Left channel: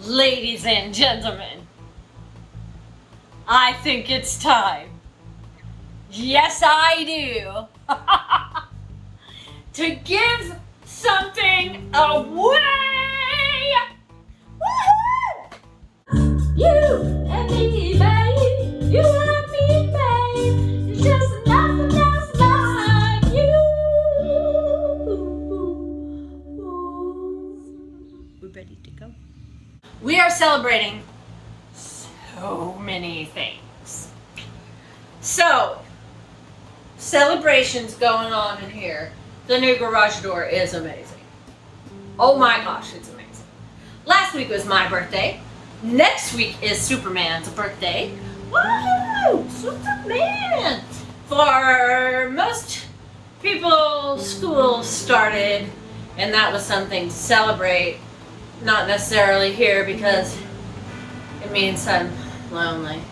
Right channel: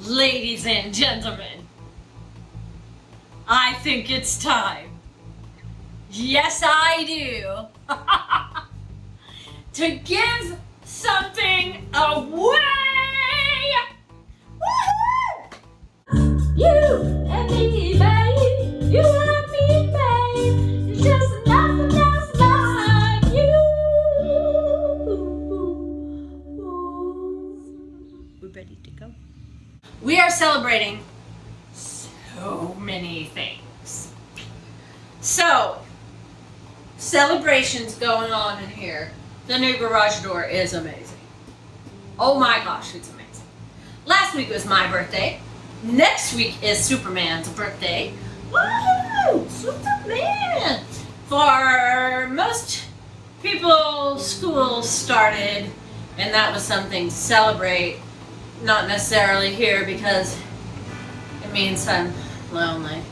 Ladies and gentlemen, I think it's time. Yes, I do. To give something away. Woohoo! You and me, babe. You and me, babe. It's just nothing else like you. We're ready to go. We are celebrating so many things. So, celebrations going on in here. The new garage door is amazing. Oh my gosh, it's amazing. Last week was my birthday. Next week is Superman's birthday. Woo! Superman! For most people, school started, and that was something to celebrate. Not necessarily here because it means I'm lonely.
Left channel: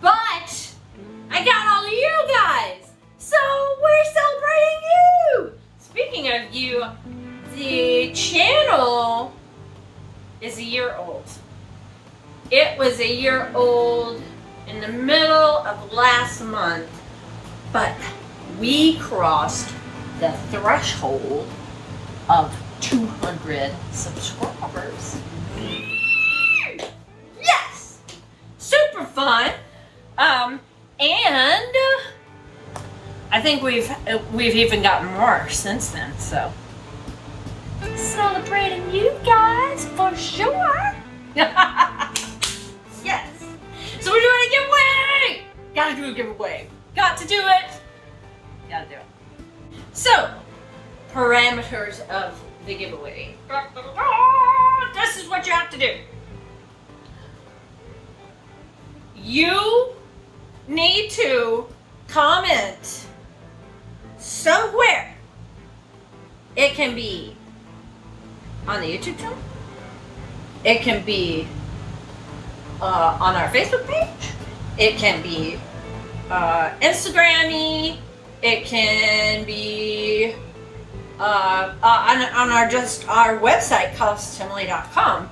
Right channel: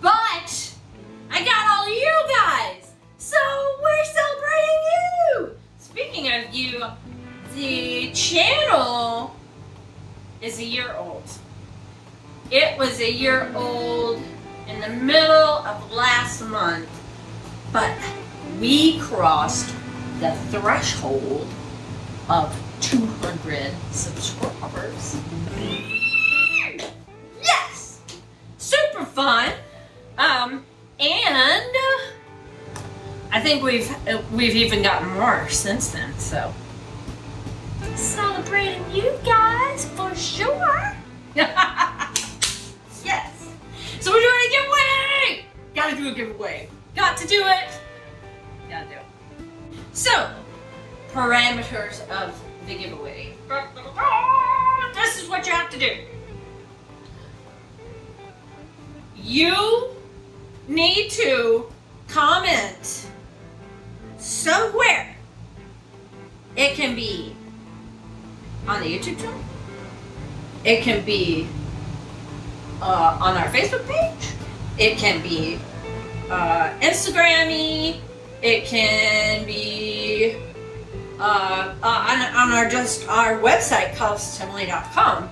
But I got all of you guys, so we're celebrating you. Speaking of you, the channel is a year old. It was a year old in the middle of last month, but we crossed the threshold of 200 subscribers. Yes! Super fun. And I think we've even gotten more since then, so celebrating you guys for sure. Yes. So we're doing a giveaway. Gotta do a giveaway. Got to do it. Gotta do it. So, parameters of the giveaway. This is what you have to do. You need to comment somewhere. It can be on the YouTube channel. It can be on our Facebook page. It can be Instagram-y. It can be on our website, Temily.com.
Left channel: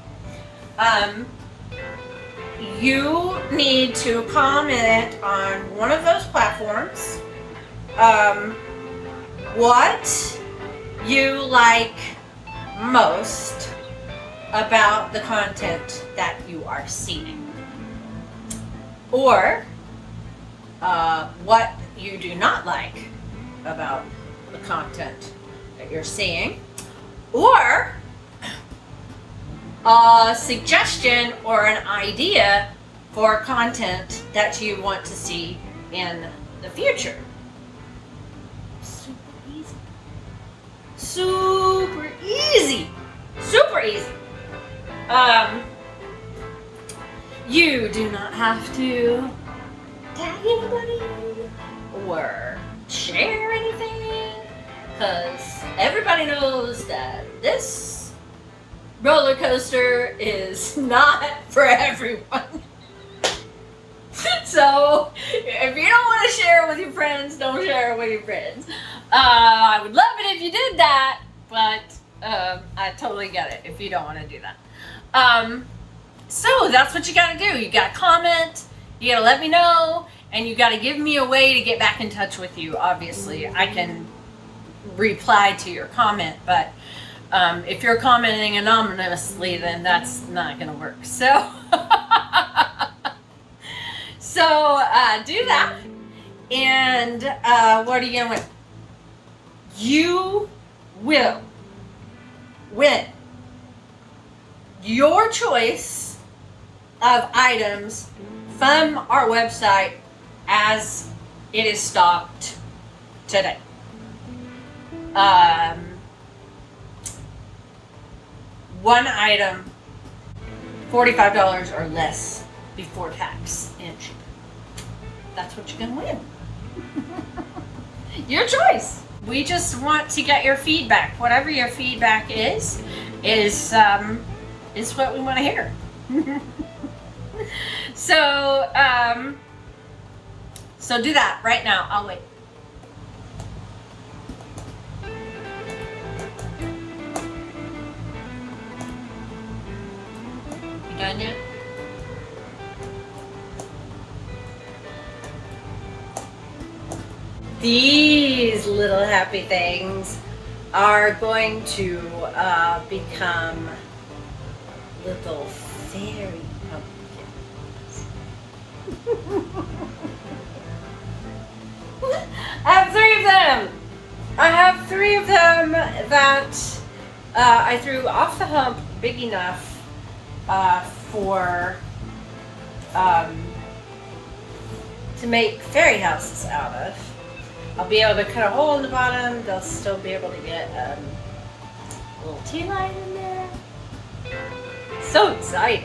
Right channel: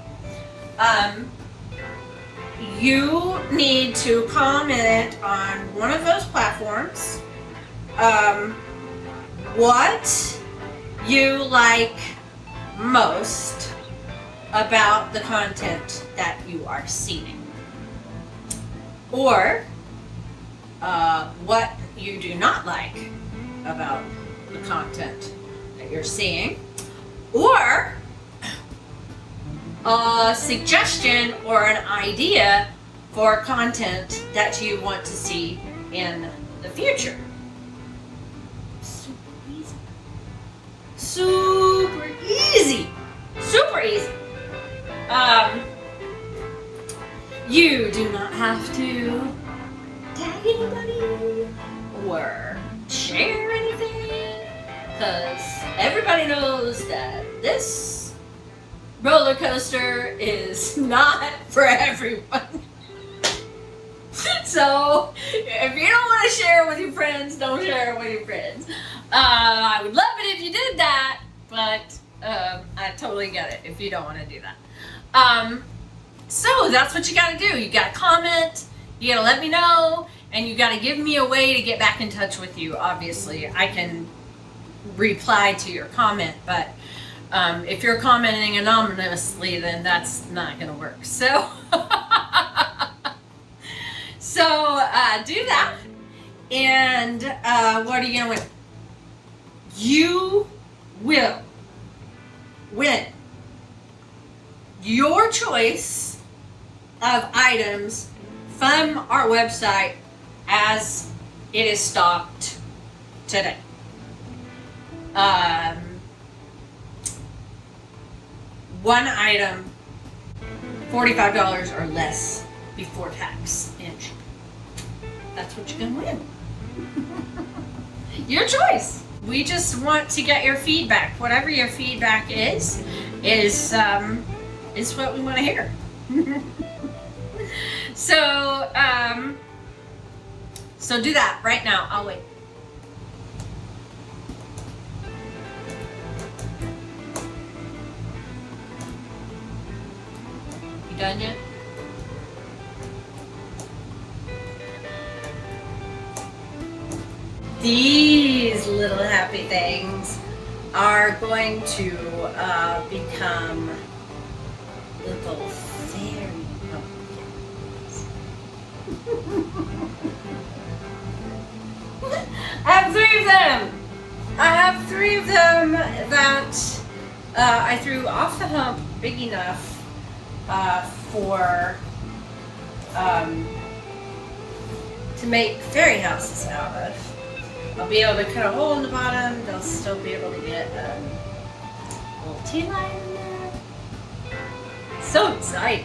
You need to comment on one of those platforms what you like most about the content that you are seeing, or what you do not like about the content that you're seeing, or a suggestion or an idea for content that you want to see in the future. Super easy. Super easy. Super easy. You do not have to tag anybody or share anything, because everybody knows that this roller coaster is not for everyone. So if you don't want to share it with your friends, don't share it with your friends. I would love it if you did that, but I totally get it if you don't want to do that. So that's what you got to do. You got to comment, you got to let me know, and you got to give me a way to get back in touch with you. Obviously, I can reply to your comment, but if you're commenting anonymously, then that's not going to work. So, do that. And what are you going to win? You will win your choice of items from our website as it is stocked today. One item, $45 or less before tax and shipping. That's what you're gonna win. Your choice. We just want to get your feedback. Whatever your feedback is what we want to hear. So do that right now. I'll wait. done yet? These little happy things are going to become little fairy pumpkins. I have three of them. I have three of them that I threw off the hump big enough for to make fairy houses out of. I'll be able to cut a hole in the bottom. They'll still be able to get a little tea light in there. So exciting.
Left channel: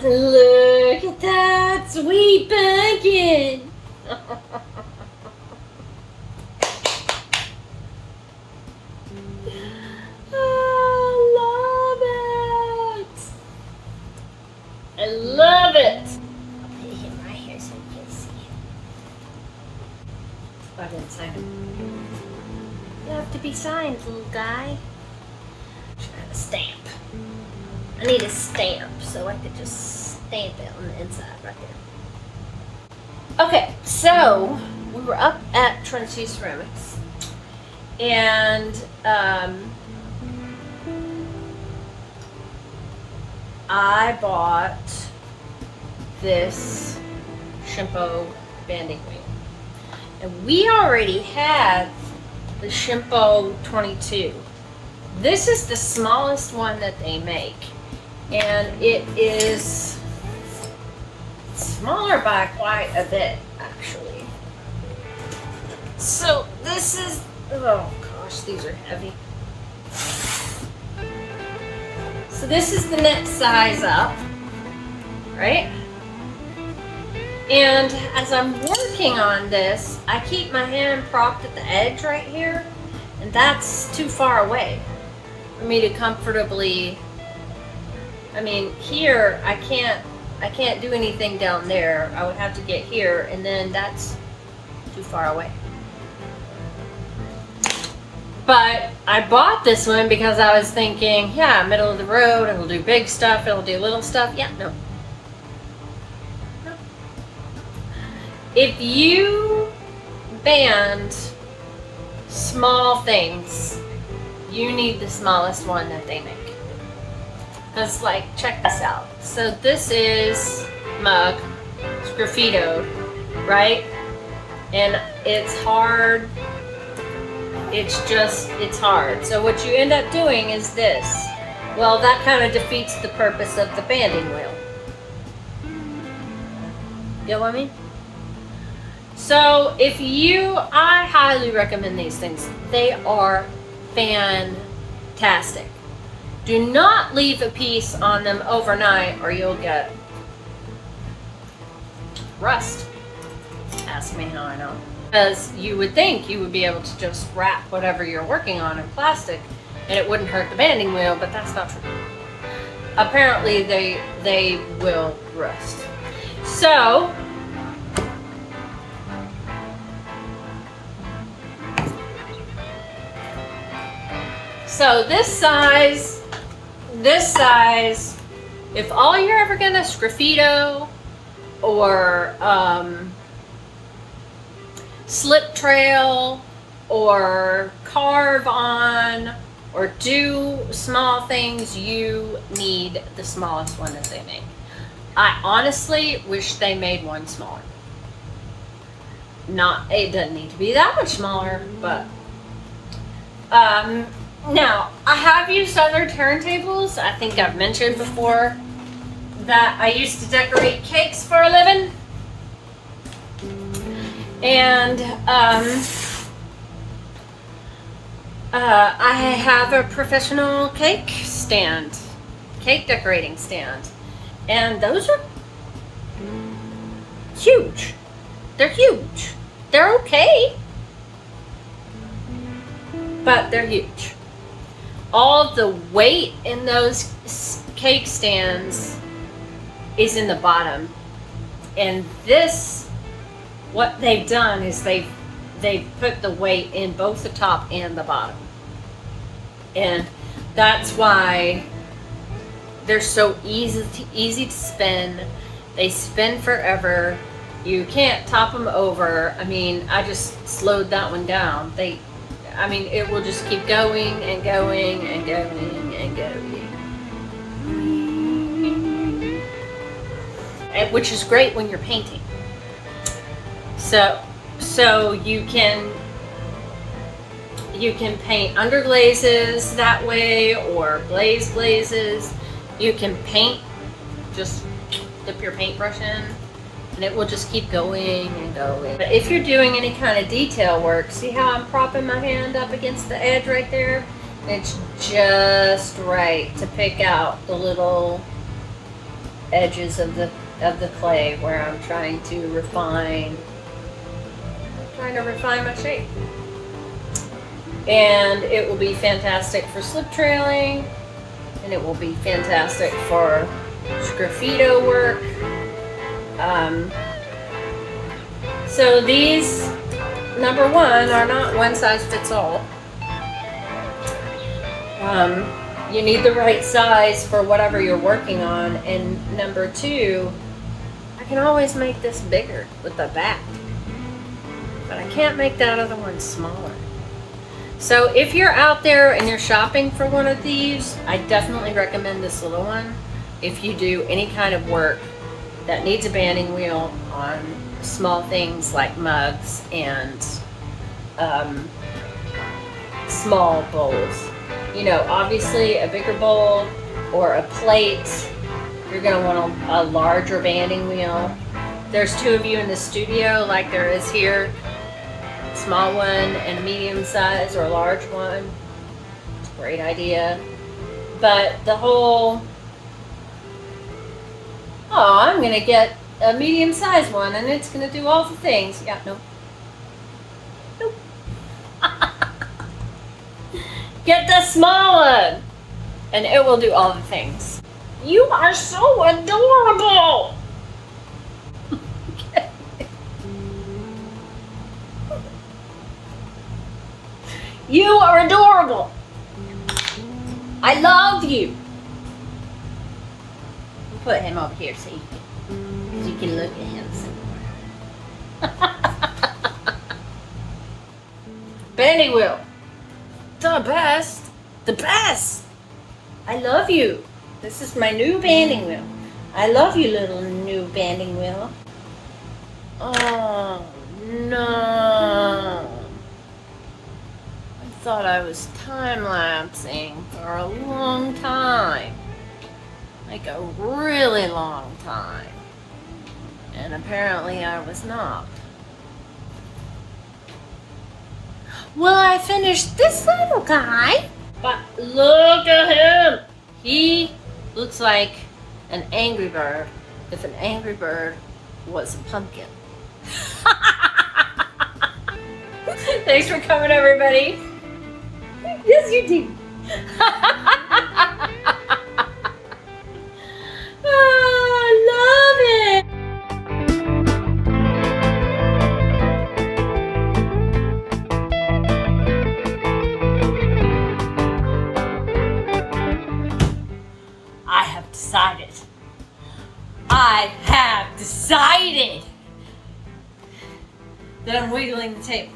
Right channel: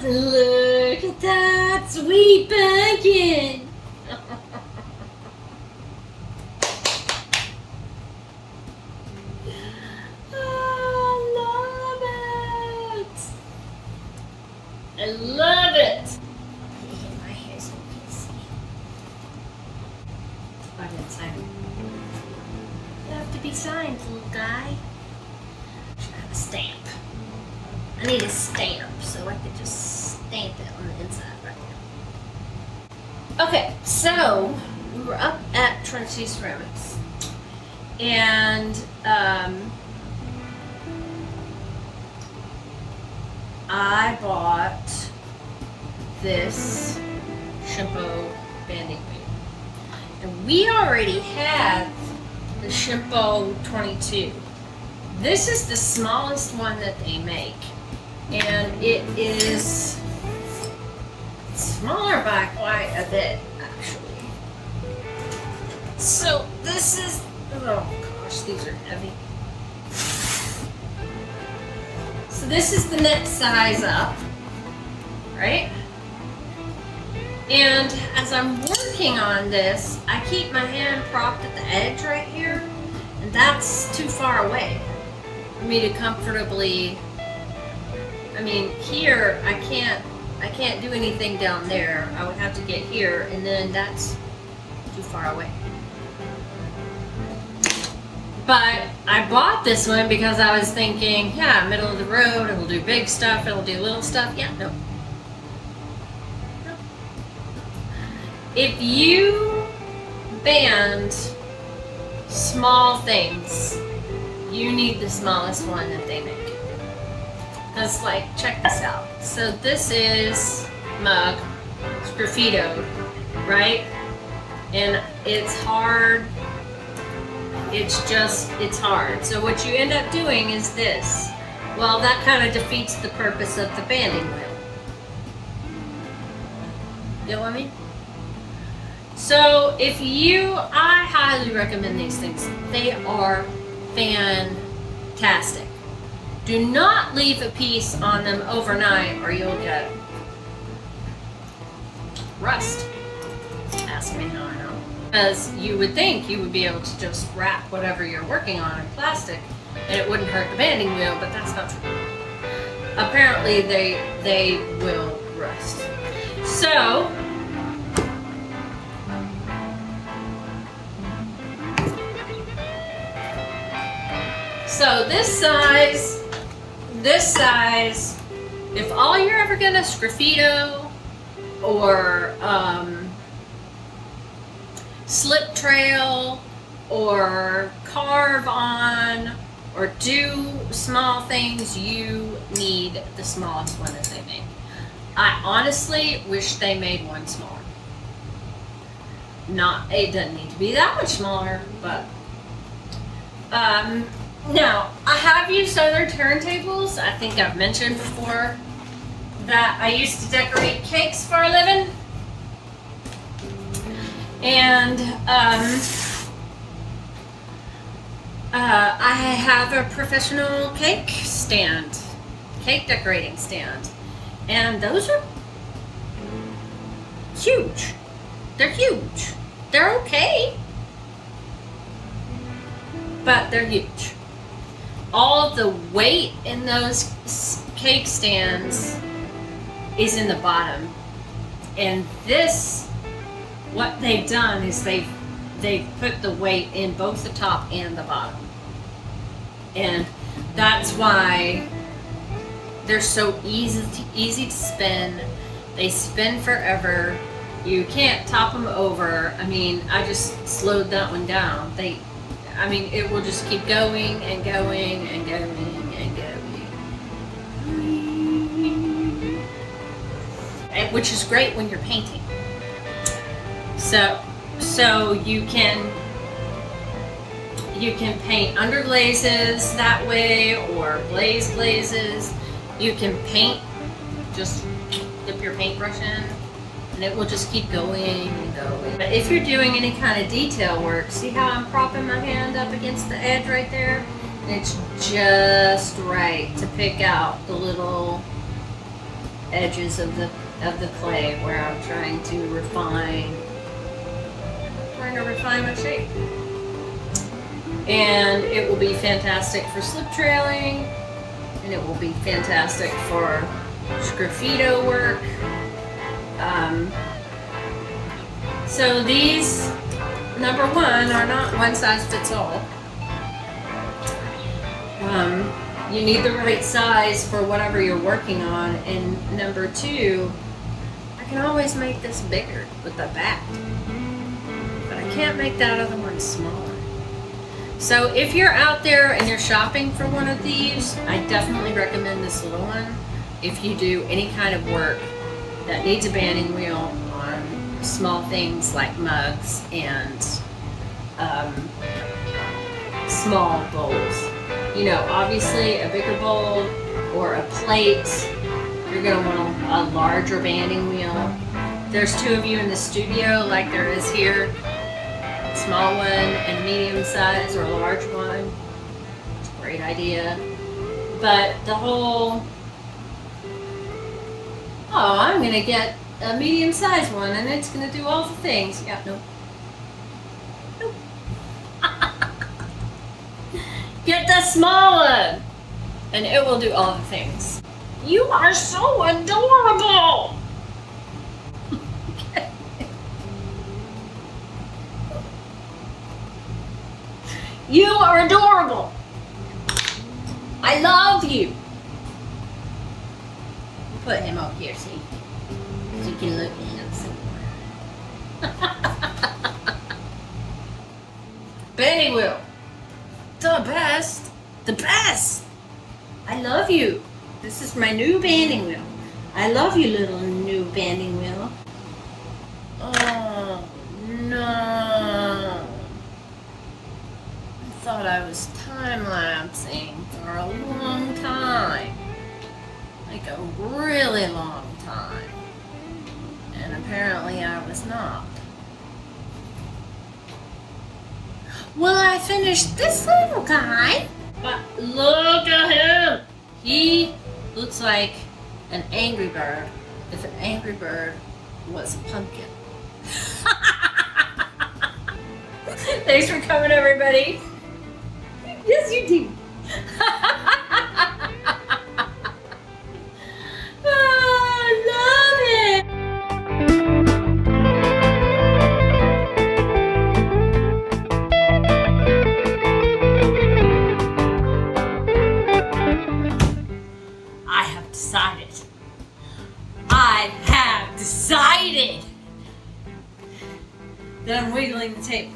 Look at that sweet pumpkin. I love it. I'll put it in my hair so you can see it. Right inside. You have to be signed, little guy. Should have a stamp. I need a stamp so I could just stamp it on the inside right there. Okay, so we were up at Trinity Ceramics and I bought this Shimpo Banding wheel. And we already had the Shimpo 22. This is the smallest one that they make. And it is smaller by quite a bit, actually. So this is, oh gosh, these are heavy. So this is the next size up, right? And as I'm working on this, I keep my hand propped at the edge right here, and that's too far away for me to comfortably. I mean, here I can't do anything down there. I would have to get here, and then that's too far away. But I bought this one because I was thinking, yeah, middle of the road, it'll do big stuff, it'll do little stuff. Yeah, no. If you band small things, you need the smallest one that they make. Because, like, check this out. So this is mug, sgraffitoed, right? And it's hard. It's hard. So what you end up doing is this. Well, that kind of defeats the purpose of the banding wheel. You know what I mean? So I highly recommend these things. They are fantastic. Do not leave a piece on them overnight or you'll get rust. Ask me how I know. Because you would think you would be able to just wrap whatever you're working on in plastic and it wouldn't hurt the banding wheel, but that's not true. Apparently they will rust. So this size, if all you're ever gonna sgraffito or slip trail or carve on or do small things, you need the smallest one that they make. I honestly wish they made one smaller. It doesn't need to be that much smaller, but now I have used other turntables. I think I've mentioned before that I used to decorate cakes for a living, and I have a professional cake decorating stand, and those are huge. They're huge. They're okay, but they're huge. All of the weight in those cake stands is in the bottom, and what they've done is they've put the weight in both the top and the bottom, and that's why they're so easy to spin. They spin forever. You can't top them over. I mean, I just slowed that one down. It will just keep going and going and going and going. Which is great when you're painting. So you can paint under glazes that way, or glazes. You can paint, just dip your paintbrush in, and it will just keep going and going. But if you're doing any kind of detail work, see how I'm propping my hand up against the edge right there? It's just right to pick out the little edges of the clay where I'm trying to refine my shape. And it will be fantastic for slip trailing, and it will be fantastic for sgraffito work. So these, number one, are not one size fits all. You need the right size for whatever you're working on, and number two, I can always make this bigger with the back, but I can't make that other one smaller. So if you're out there and you're shopping for one of these, I definitely recommend this little one. If you do any kind of work that needs a banding wheel on small things like mugs and small bowls. You know, obviously a bigger bowl or a plate, you're gonna want a larger banding wheel. There's two of you in the studio like there is here. Small one and medium size or large one. It's a great idea. But the whole, I'm gonna get a medium sized one and it's gonna do all the things. Yeah, nope. Get the small one and it will do all the things. You are so adorable. You are adorable. I love you. Put him up here, see? So you can look at him some more. Banding wheel. The best. The best. I love you. This is my new banding wheel. I love you, little new banding wheel. Oh, no. I thought I was time-lapsing for a long time. Like a really long time. And apparently I was not. Well, I finished this little guy. But look at him. He looks like an Angry Bird if an Angry Bird was a pumpkin. Thanks for coming, everybody. Yes, you did. I love it. I have decided. Then I'm wiggling the tape.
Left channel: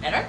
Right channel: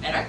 Better?